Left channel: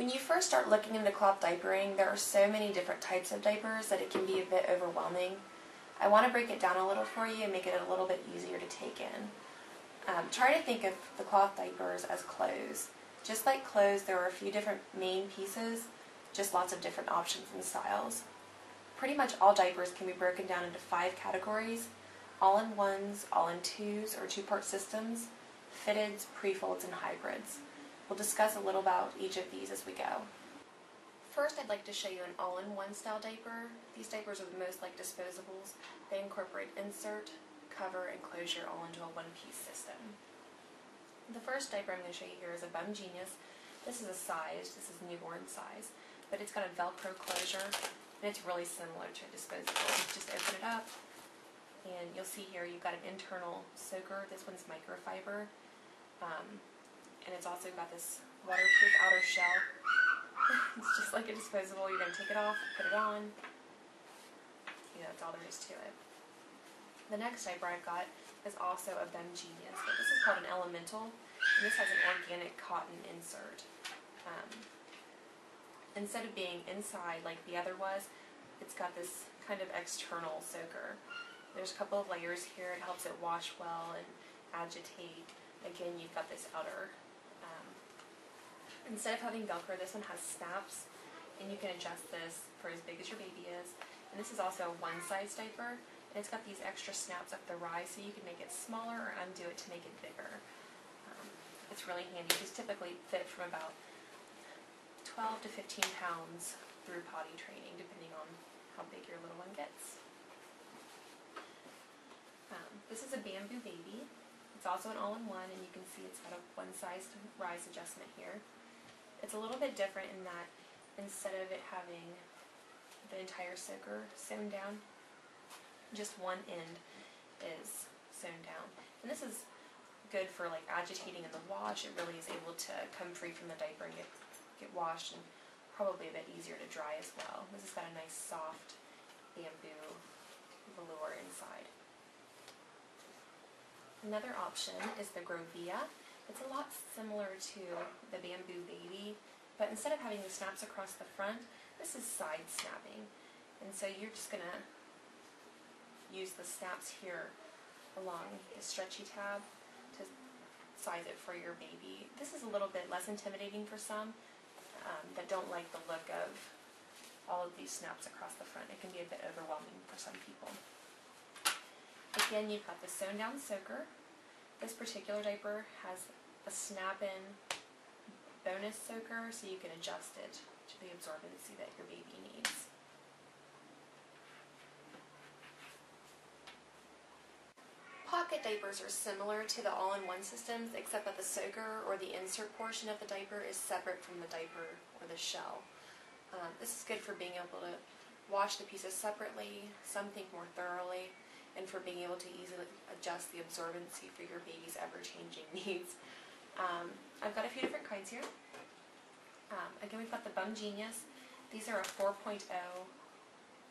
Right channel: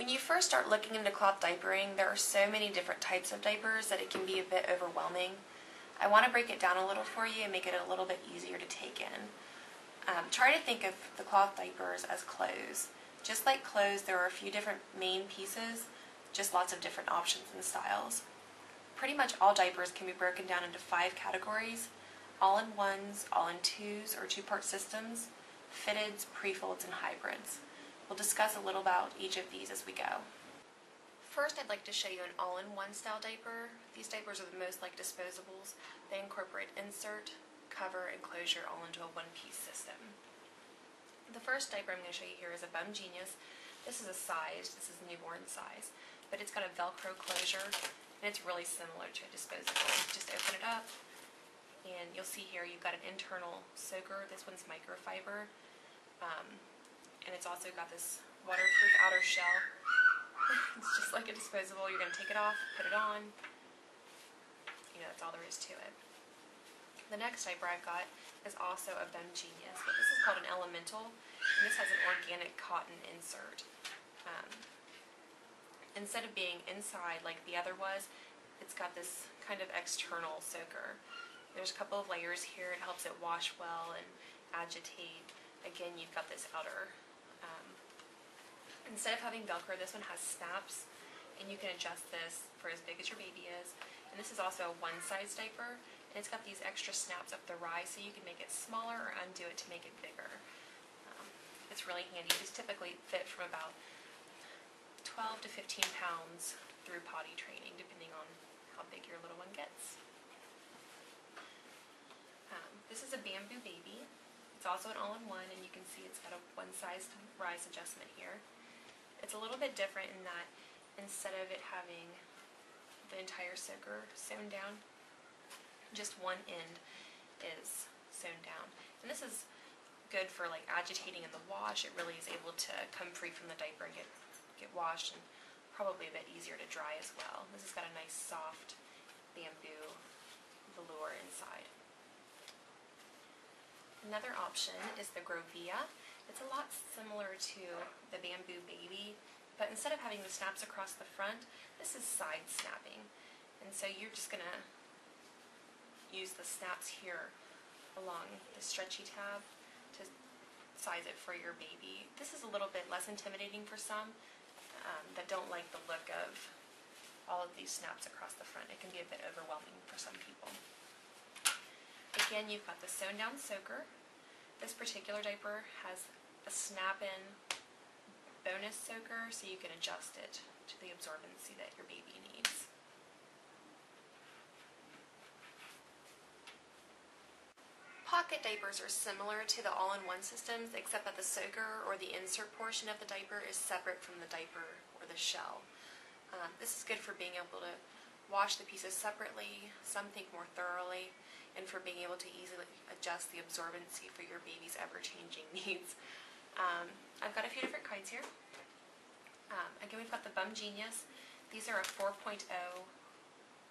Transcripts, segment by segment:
When you first start looking into cloth diapering, there are so many different types of diapers that it can be a bit overwhelming. I want to break it down a little for you and make it a little bit easier to take in. Try to think of the cloth diapers as clothes. Just like clothes, there are a few different main pieces, just lots of different options and styles. Pretty much all diapers can be broken down into 5 categories: all-in-ones, all-in-twos or two-part systems, fitteds, prefolds, and hybrids. We'll discuss a little about each of these as we go. First, I'd like to show you an all-in-one style diaper. These diapers are the most like disposables. They incorporate insert, cover, and closure all into a one-piece system. The first diaper I'm going to show you here is a Bum Genius. This is a size, this is newborn size, but it's got a Velcro closure, and it's really similar to a disposable. Just open it up, and you'll see here you've got an internal soaker. This one's microfiber, and it's also got this waterproof outer shell. It's just like a disposable. You're going to take it off, put it on. You know, that's all there is to it. The next diaper I've got is also a Bum Genius, but this is called an Elemental, and this has an organic cotton insert. Instead of being inside like the other was, it's got this kind of external soaker. There's a couple of layers here. It helps it wash well and agitate. Again, you've got this outer. Instead of having Velcro, this one has snaps, and you can adjust this for as big as your baby is. And this is also a one-size diaper, and it's got these extra snaps up the rise, so you can make it smaller or undo it to make it bigger. It's really handy. These typically fit from about 12 to 15 pounds through potty training, depending on how big your little one gets. This is a Bamboo Baby. It's also an all-in-one, and you can see it's got a one-size rise adjustment here. It's a little bit different in that instead of it having the entire soaker sewn down, just one end is sewn down. And this is good for like agitating in the wash. It really is able to come free from the diaper and get washed, and probably a bit easier to dry as well. This has got a nice soft bamboo velour inside. Another option is the Grovia. It's a lot similar to the Bamboo Baby, but instead of having the snaps across the front, this is side snapping. And so you're just going to use the snaps here along the stretchy tab to size it for your baby. This is a little bit less intimidating for some that don't like the look of all of these snaps across the front. It can be a bit overwhelming for some people. Again, you've got the sewn down soaker. This particular diaper has a snap-in bonus soaker, so you can adjust it to the absorbency that your baby needs. Pocket diapers are similar to the all-in-one systems, except that the soaker or the insert portion of the diaper is separate from the diaper or the shell. This is good for being able to wash the pieces separately, some think more thoroughly, and for being able to easily adjust the absorbency for your baby's ever-changing needs. I've got a few different kinds here. Again, we've got the Bum Genius. These are a 4.0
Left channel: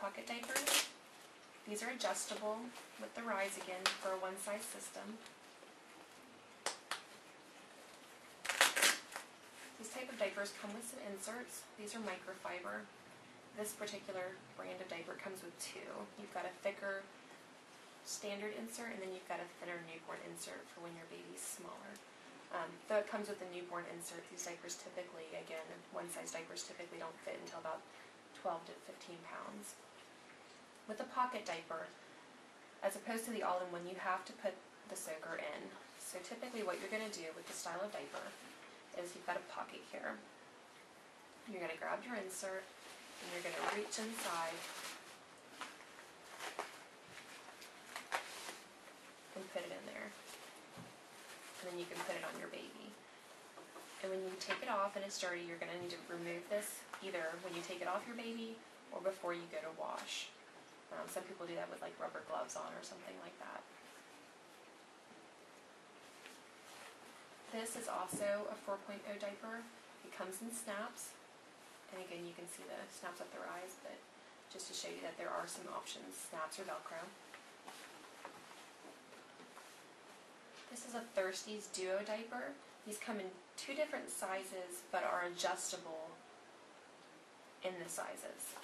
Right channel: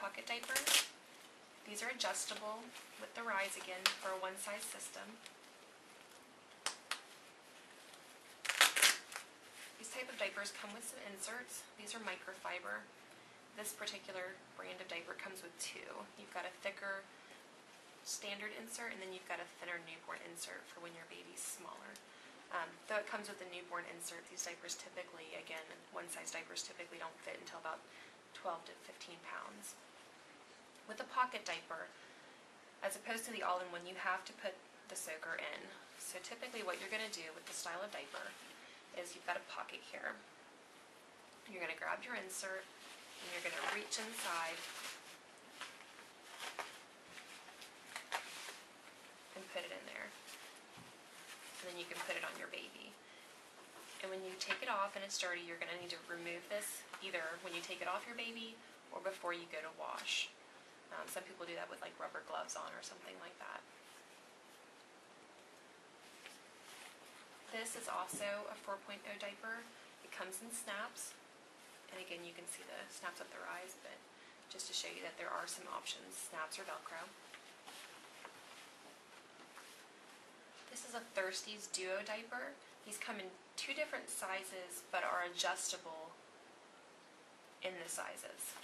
pocket diaper. These are adjustable with the rise again for a one-size system. These type of diapers come with some inserts. These are microfiber. This particular brand of diaper comes with 2. You've got a thicker standard insert, and then you've got a thinner newborn insert for when your baby's smaller. Though it comes with a newborn insert, these diapers typically, again, one-size diapers typically don't fit until about 12 to 15 pounds. With a pocket diaper, as opposed to the all-in-one, you have to put the soaker in. So typically what you're going to do with this style of diaper is you've got a pocket here. You're going to grab your insert, and you're going to reach inside and put it in there. And then you can put it on your baby. And when you take it off and it's dirty, you're going to need to remove this either when you take it off your baby or before you go to wash. Some people do that with like rubber gloves on or something like that. This is also a 4.0 diaper. It comes in snaps. And again, you can see the snaps up the rise, but just to show you that there are some options, snaps or Velcro. This is a Thirsties Duo diaper. These come in 2 different sizes, but are adjustable in the sizes.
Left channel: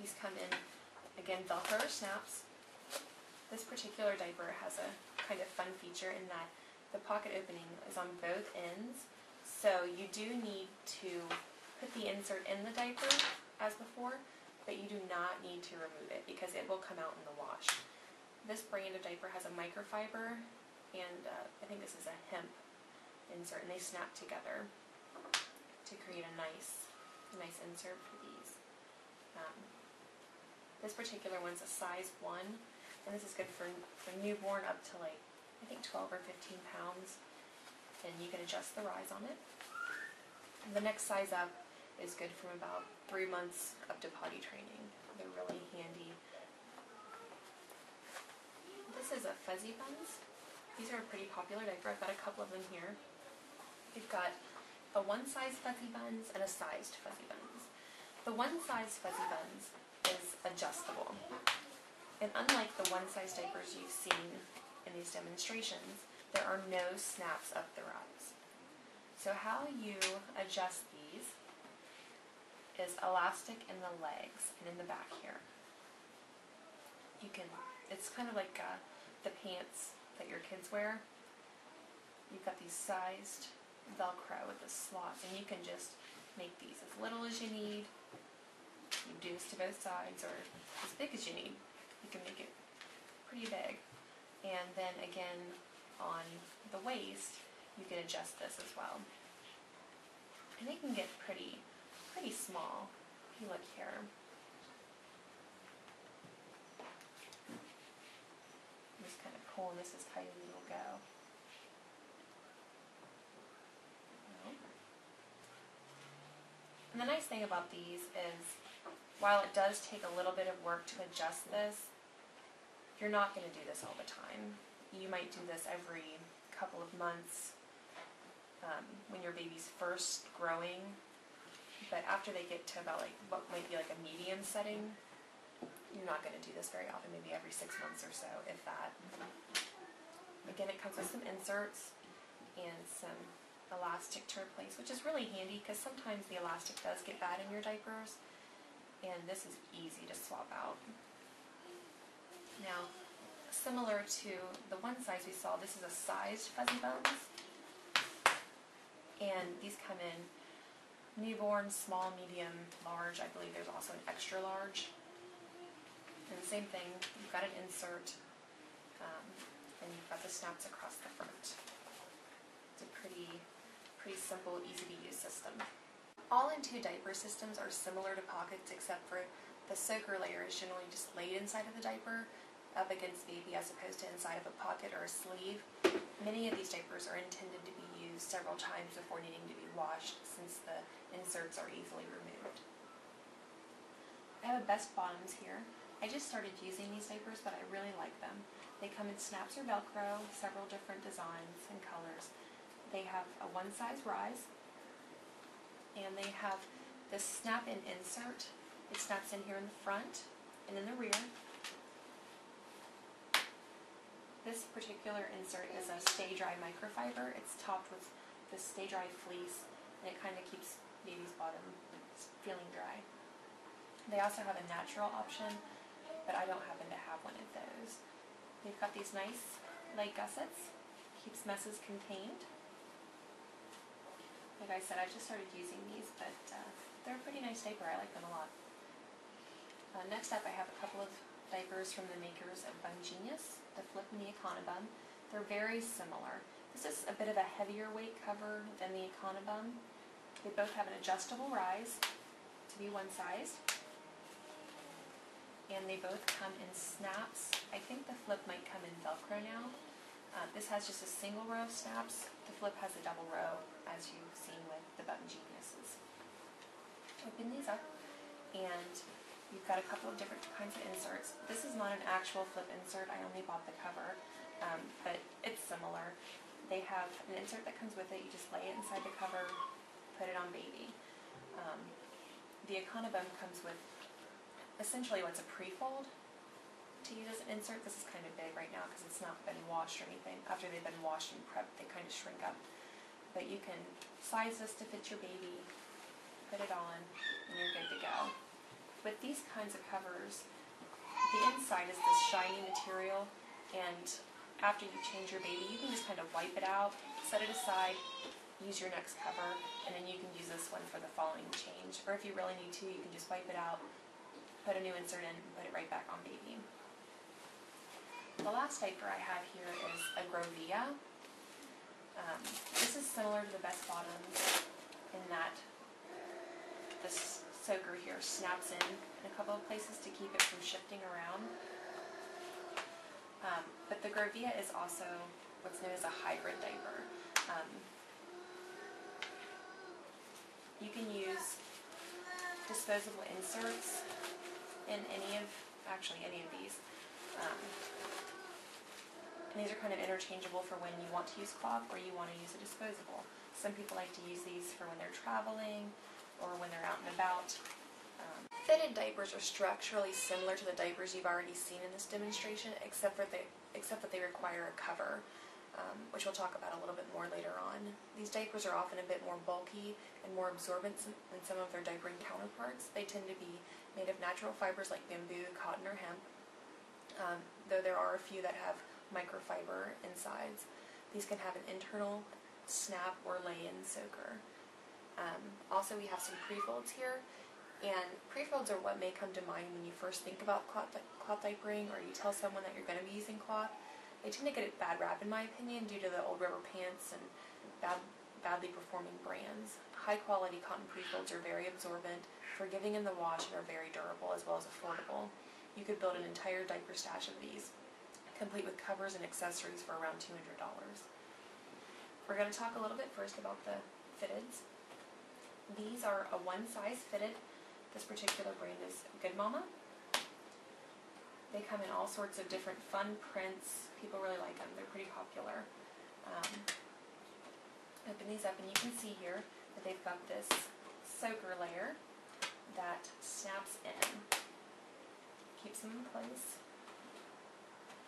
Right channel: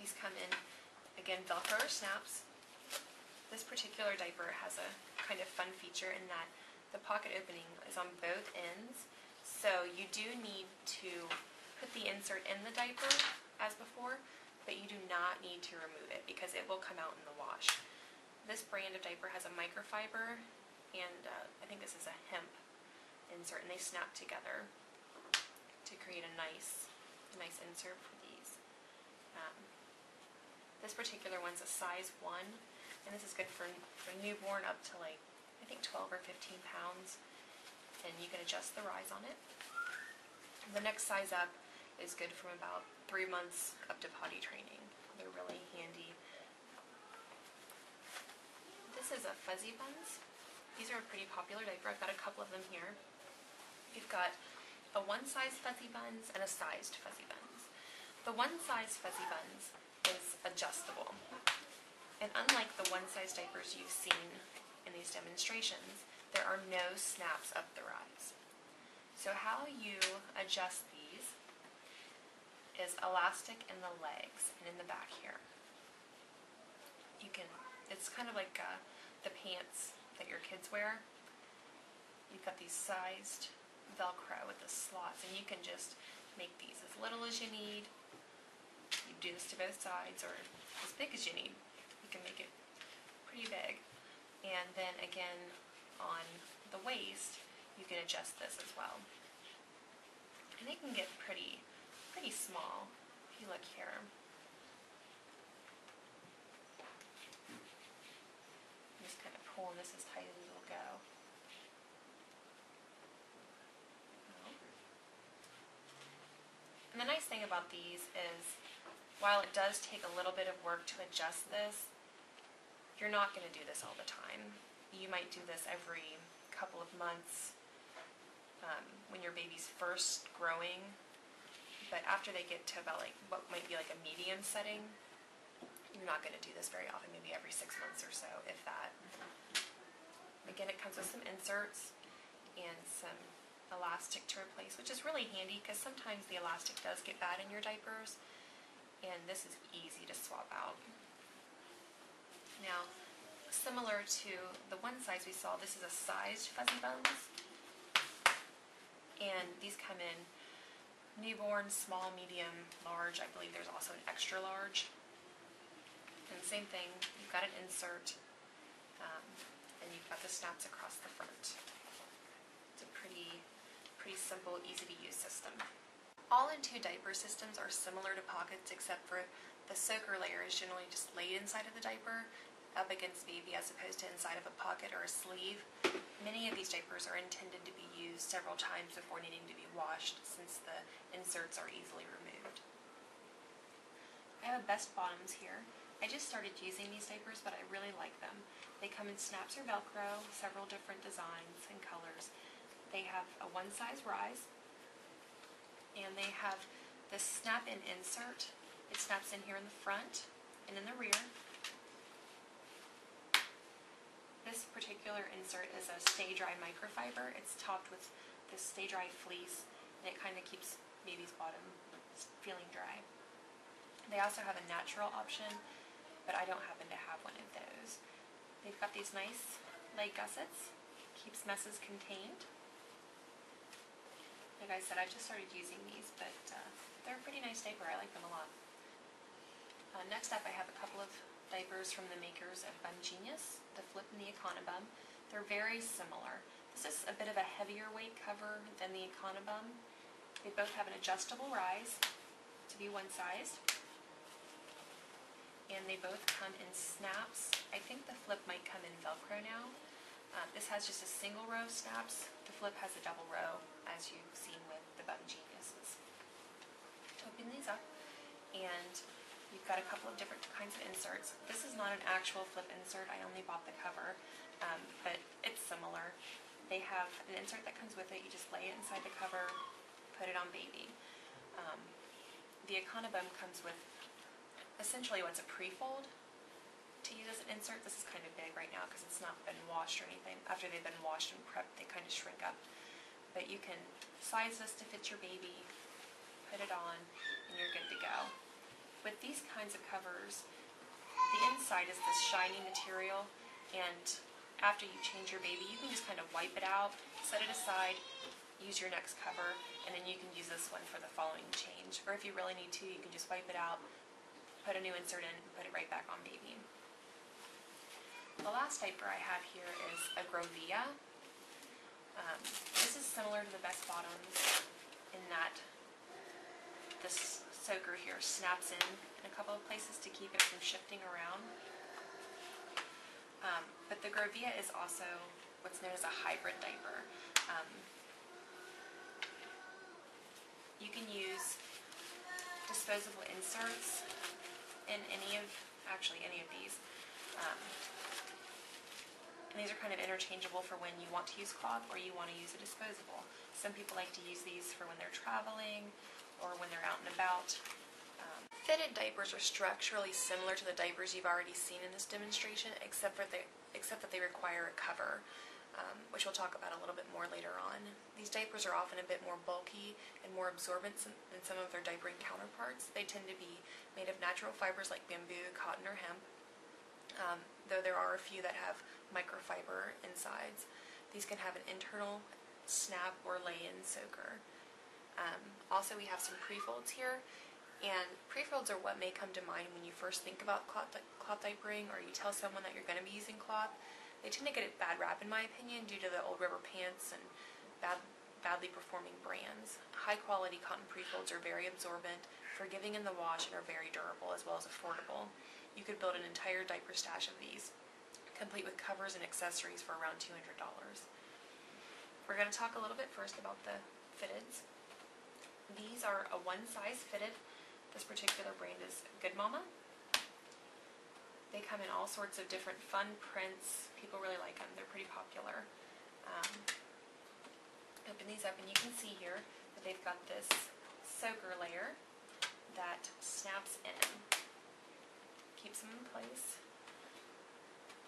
These come in, again, Velcro or snaps. This particular diaper has a kind of fun feature in that the pocket opening is on both ends, so you do need to put the insert in the diaper as before, but you do not need to remove it because it will come out in the wash. This brand of diaper has a microfiber, and I think this is a hemp insert, and they snap together to create a nice insert for these. This particular one's a size 1, and this is good for newborn up to like, I think 12 or 15 pounds, and you can adjust the rise on it. The next size up is good from about 3 months up to potty training. They're really handy. This is a Fuzzy Buns. These are a pretty popular diaper. I've got a couple of them here. We've got a one-size Fuzzy Buns and a sized Fuzzy Buns. The one-size Fuzzy Buns is adjustable. And unlike the one-size diapers you've seen in these demonstrations, there are no snaps up the rise. So how you adjust these is elastic in the legs and in the back here. You can, it's kind of like the pants that your kids wear. You've got these sized Velcro with the slots, and you can just make these as little as you need. You can do this to both sides, or as big as you need. You can make it pretty big. And then again, on the waist, you can adjust this as well. And it can get pretty small if you look here. I'm just kind of pulling this as tight as it'll go. And the nice thing about these is, while it does take a little bit of work to adjust this, you're not going to do this all the time. You might do this every couple of months when your baby's first growing, but after they get to about like what might be like a medium setting, you're not going to do this very often, maybe every 6 months or so, if that. Again, it comes with some inserts and some elastic to replace, which is really handy because sometimes the elastic does get bad in your diapers, and this is easy to swap out. Now, similar to the one size we saw, this is a sized Fuzzy Buns, and these come in newborn, small, medium, large. I believe there's also an extra large. And the same thing, you've got an insert, and you've got the snaps across the front. It's a pretty simple, easy to use system. All-in-2 diaper systems are similar to pockets, except for the soaker layer is generally just laid inside of the diaper, up against baby, as opposed to inside of a pocket or a sleeve. Many of these diapers are intended to be used several times before needing to be washed, since the inserts are easily removed. I have a Best Bottoms here. I just started using these diapers, but I really like them. They come in snaps or Velcro, several different designs and colors. They have a one-size rise, and they have this snap-in insert. It snaps in here in the front and in the rear. This particular insert is a Stay Dry microfiber. It's topped with this Stay Dry fleece, and it kind of keeps baby's bottom feeling dry. They also have a natural option, but I don't happen to have one of those. They've got these nice leg gussets, keeps messes contained. Like I said, I've just started using these, but they're a pretty nice diaper. I like them a lot. Next up, I have a couple of diapers from the makers of Bun Genius, the Flip and the Econobum. They're very similar. This is a bit of a heavier weight cover than the Econobum. They both have an adjustable rise to be one size, and they both come in snaps. I think the Flip might come in Velcro now. This has just a single row of snaps. The Flip has a double row, as you've seen with the Bun Geniuses. Open these up, and you've got a couple of different kinds of inserts. This is not an actual Flip insert. I only bought the cover, but it's similar. They have an insert that comes with it. You just lay it inside the cover, put it on baby. The Econobum comes with essentially what's a prefold to use as an insert. This is kind of big right now because it's not been washed or anything. After they've been washed and prepped, they kind of shrink up. But you can size this to fit your baby, put it on, and you're good to go. With these kinds of covers, the inside is this shiny material, and after you change your baby, you can just kind of wipe it out, set it aside, use your next cover, and then you can use this one for the following change. Or if you really need to, you can just wipe it out, put a new insert in, and put it right back on baby. The last diaper I have here is a Grovia. This is similar to the Best Bottoms in that this soaker here snaps in a couple of places to keep it from shifting around. But the Grovia is also what's known as a hybrid diaper. You can use disposable inserts in any of these. And these are kind of interchangeable for when you want to use cloth or you want to use a disposable. Some people like to use these for when they're traveling or when they're out and about. Fitted diapers are structurally similar to the diapers you've already seen in this demonstration, except that they require a cover, which we'll talk about a little bit more later on. These diapers are often a bit more bulky and more absorbent than some of their diapering counterparts. They tend to be made of natural fibers like bamboo, cotton, or hemp, though there are a few that have microfiber insides. These can have an internal snap or lay-in soaker. Also, we have some prefolds here, and prefolds are what may come to mind when you first think about cloth diapering, or you tell someone that you're going to be using cloth. They tend to get a bad rap, in my opinion, due to the old rubber pants and badly performing brands. High-quality cotton prefolds are very absorbent, forgiving in the wash, and are very durable as well as affordable. You could build an entire diaper stash of these, complete with covers and accessories for around $200. We're going to talk a little bit first about the fitteds. These are a one-size fitted. This particular brand is Good Mama. They come in all sorts of different fun prints. People really like them. They're pretty popular. Open these up and you can see here that they've got this soaker layer that snaps in. Keeps them in place.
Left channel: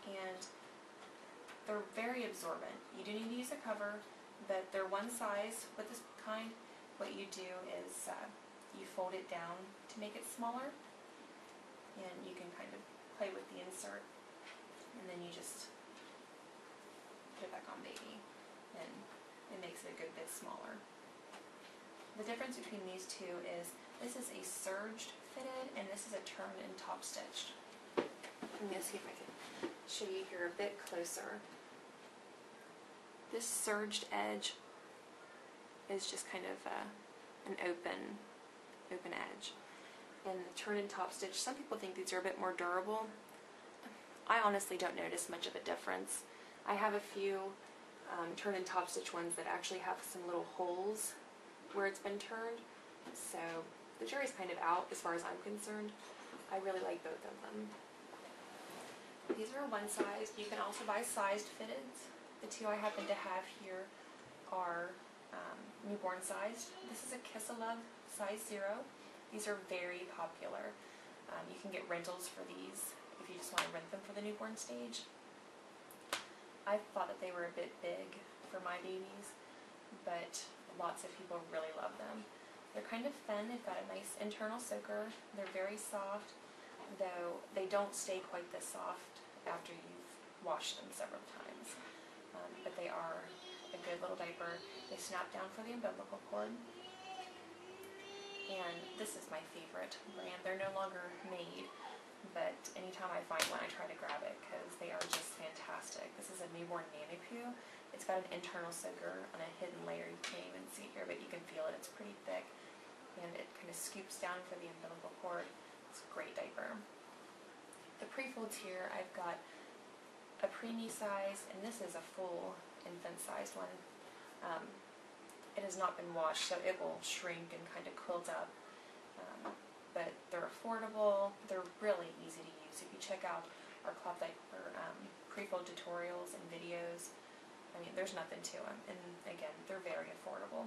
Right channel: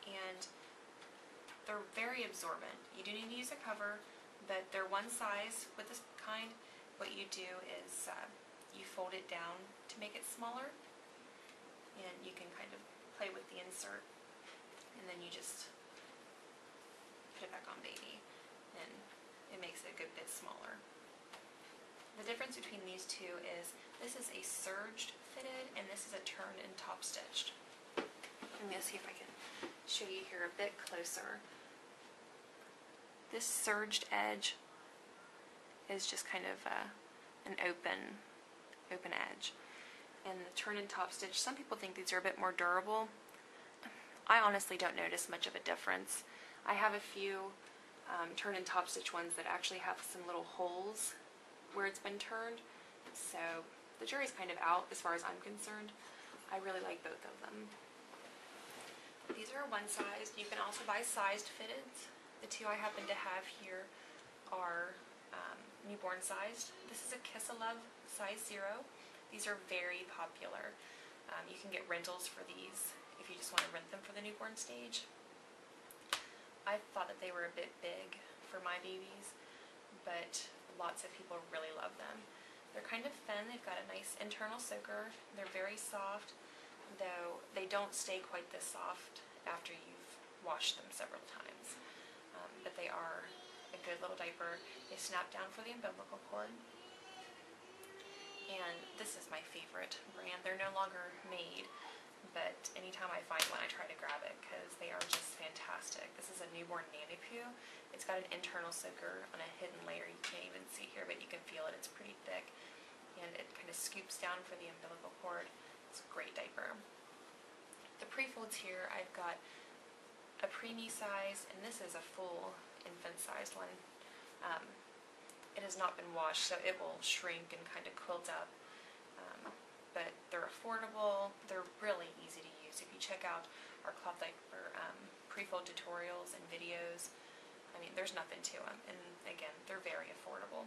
And they're very absorbent. You do need to use a cover, but they're one size with this kind. What you do is you fold it down to make it smaller, and you can kind of play with the insert, and then you just put it back on baby, and it makes it a good bit smaller. The difference between these two is this is a surged fitted, and this is a turned and top stitched. I'm going to see if I can show you here a bit closer. This surged edge is just kind of an open edge. And the turn and top stitch, some people think these are a bit more durable. I honestly don't notice much of a difference. I have a few turn and top stitch ones that actually have some little holes where it's been turned. So the jury's kind of out as far as I'm concerned. I really like both of them. These are one size. You can also buy sized fitteds. The two I happen to have here are newborn sized. This is a Kiss a Love size 0. These are very popular. You can get rentals for these if you just want to rent them for the newborn stage. I thought that they were a bit big for my babies, but lots of people really love them. They're kind of thin. They've got a nice internal soaker. They're very soft, though they don't stay quite this soft after you've washed them several times. But they are a good little diaper. They snap down for the umbilical cord. And this is my favorite brand. They're no longer made, but anytime I find one, I try to grab it because they are just fantastic. This is a newborn nanny poo. It's got an internal soaker on a hidden layer. You can't even see here, but you can feel it. It's pretty thick, and it kind of scoops down for the umbilical cord. It's a great diaper. The prefolds here, I've got a preemie size, and this is a full infant-sized one. It has not been washed, so it will shrink and kind of quilt up. But they're affordable. They're really easy to use. If you check out our cloth diaper prefold tutorials and videos, I mean, there's nothing to them. And again, they're very affordable.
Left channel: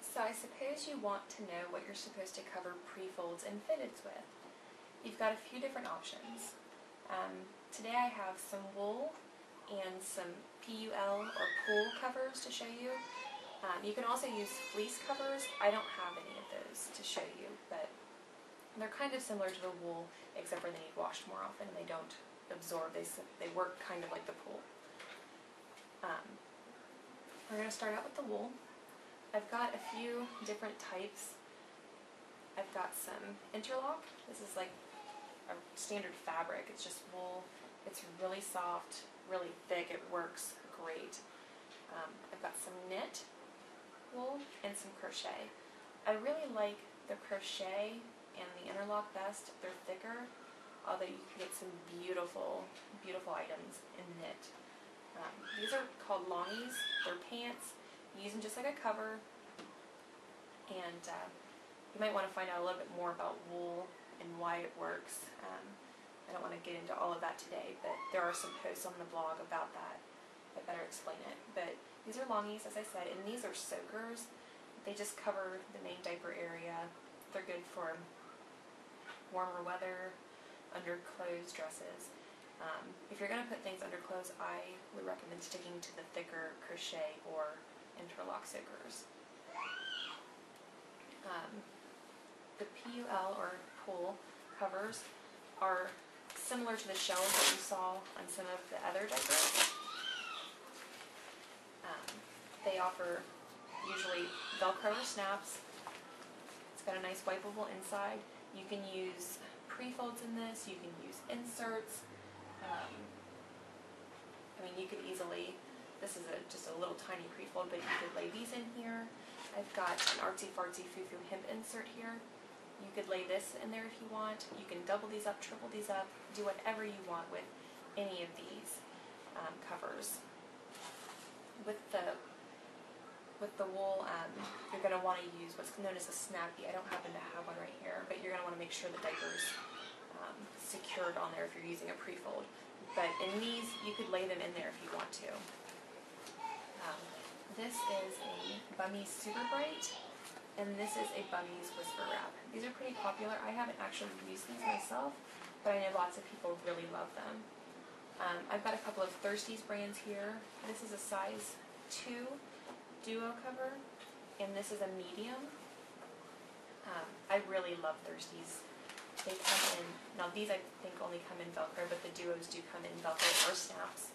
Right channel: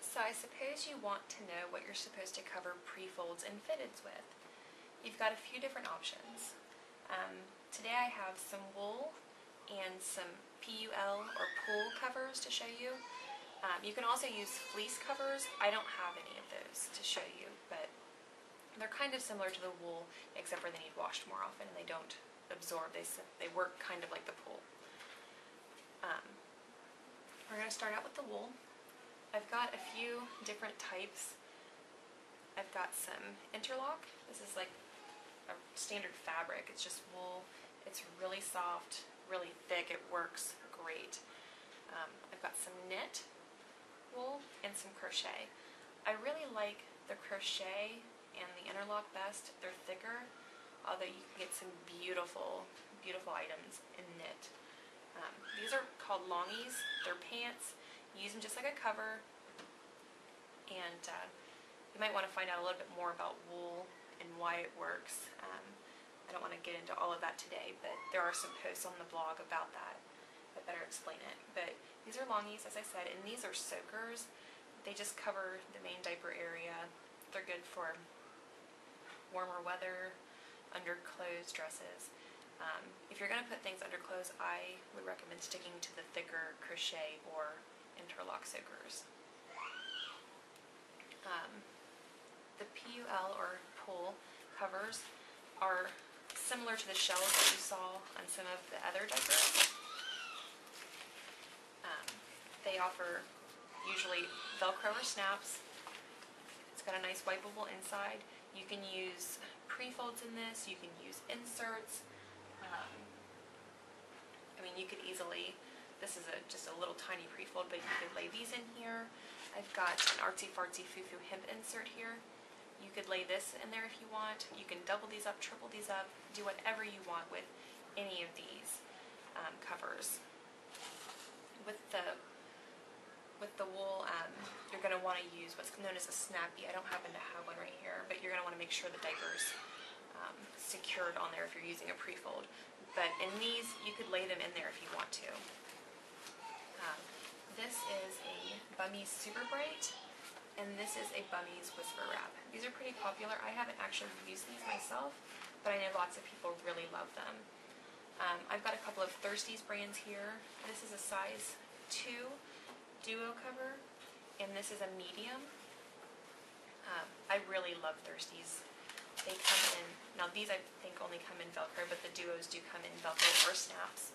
So I suppose you want to know what you're supposed to cover prefolds and fitteds with. You've got a few different options. Today I have some wool and some PUL or pool covers to show you. You can also use fleece covers. I don't have any of those to show you, but they're kind of similar to the wool, except for they need washed more often and they don't absorb. They work kind of like the pool. We're going to start out with the wool. I've got a few different types. I've got some interlock. This is like a standard fabric. It's just wool. It's really soft, really thick. It works great. I've got some knit wool and some crochet. I really like the crochet and the interlock best. They're thicker, although you can get some beautiful, beautiful items in knit. These are called longies. They're pants. You use them just like a cover, and you might want to find out a little bit more about wool and why it works. I don't want to get into all of that today, but there are some posts on the blog about that better explain it. But these are longies, as I said, and these are soakers. They just cover the main diaper area. They're good for warmer weather, under clothes, dresses. If you're going to put things under clothes, I would recommend sticking to the thicker crochet or interlock soakers. The PUL or pool covers are similar to the shells that you saw on some of the other diapers. They offer usually Velcro or snaps. It's got a nice wipeable inside. You can use prefolds in this. You can use inserts. I mean, you could easily, this is just a little tiny prefold, but you could lay these in here. I've got an artsy-fartsy foo-foo hemp insert here. You could lay this in there if you want. You can double these up, triple these up, do whatever you want with any of these covers. With the wool, you're going to want to use what's known as a snappy. I don't happen to have one right here, but you're going to want to make sure the diaper's secured on there if you're using a prefold. But in these, you could lay them in there if you want to. This is a Bummies Super Bright, and this is a Bummies Whisper Wrap. These are pretty popular. I haven't actually used these myself, but I know lots of people really love them. I've got a couple of Thirsties brands here. This is a size 2 duo cover, and this is a medium. I really love Thirsties. They come in, now these I think only come in Velcro, but the duos do come in Velcro or snaps.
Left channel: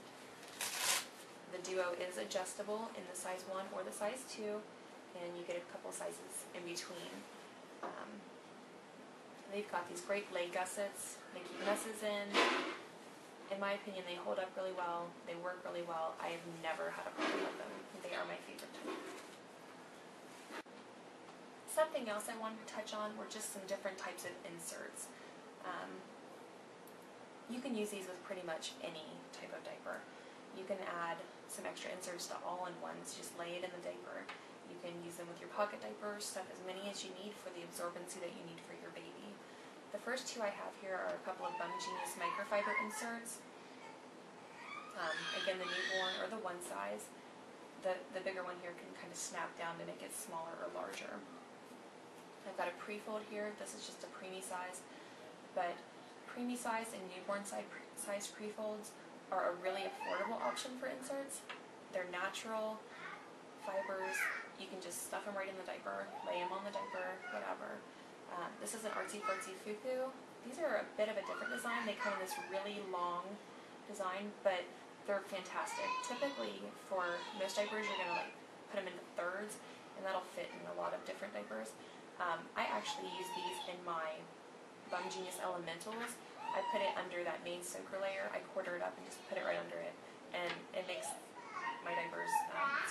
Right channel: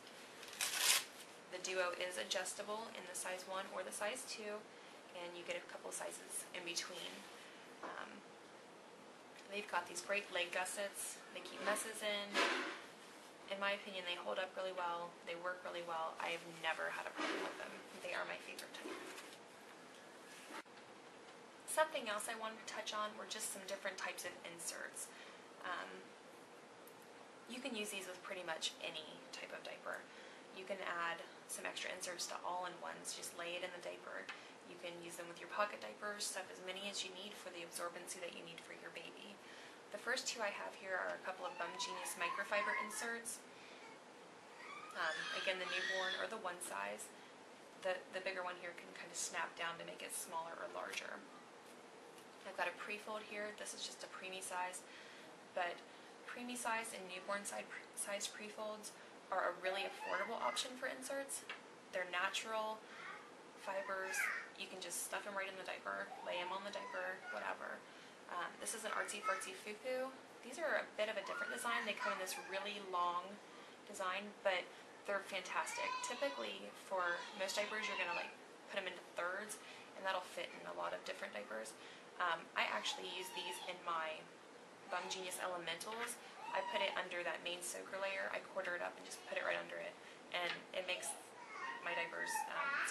The duo is adjustable in the size 1 or the size 2, and you get a couple sizes in between. They've got these great leg gussets. They keep messes in. In my opinion, they hold up really well. They work really well. I have never had a problem with them. They are my favorite type. Something else I wanted to touch on were just some different types of inserts. You can use these with pretty much any type of diaper. You can add some extra inserts to all-in-ones. Just lay it in the diaper. You can use them with your pocket diapers, stuff as many as you need for the absorbency that you need for your baby. The first two I have here are a couple of Bum Genius microfiber inserts. Again, the newborn or the one size. The bigger one here can kind of snap down to make it smaller or larger. I've got a prefold here. This is just a preemie size, but preemie size and newborn size prefolds are a really affordable option for inserts. They're natural fibers. You can just stuff them right in the diaper, lay them on the diaper, whatever. This is an artsy-fartsy foo-foo. These are a bit of a different design. They come in this really long design, but they're fantastic. Typically, for most diapers, you're going to put them into thirds, and that'll fit in a lot of different diapers. I actually use these in my Bum Genius Elementals. I put it under that main soaker layer. I quarter it up and just put it right under it, and it makes my diapers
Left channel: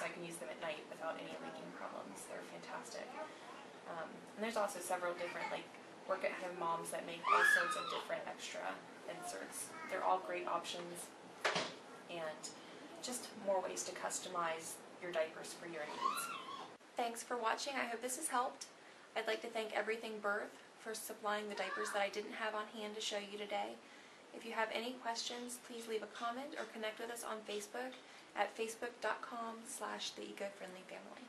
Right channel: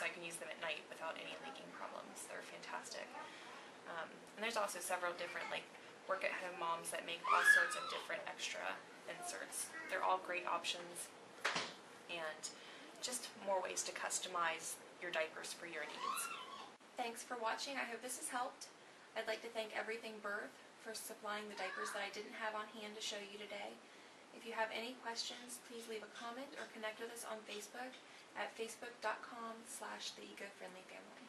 so I can use them at night without any leaking problems. They're fantastic. And there's also several different work-at-home moms that make all sorts of different extra inserts. They're all great options, and just more ways to customize your diapers for your needs. Thanks for watching. I hope this has helped. I'd like to thank Everything Birth for supplying the diapers that I didn't have on hand to show you today. If you have any questions, please leave a comment or connect with us on Facebook at facebook.com/theecofriendlyfamily.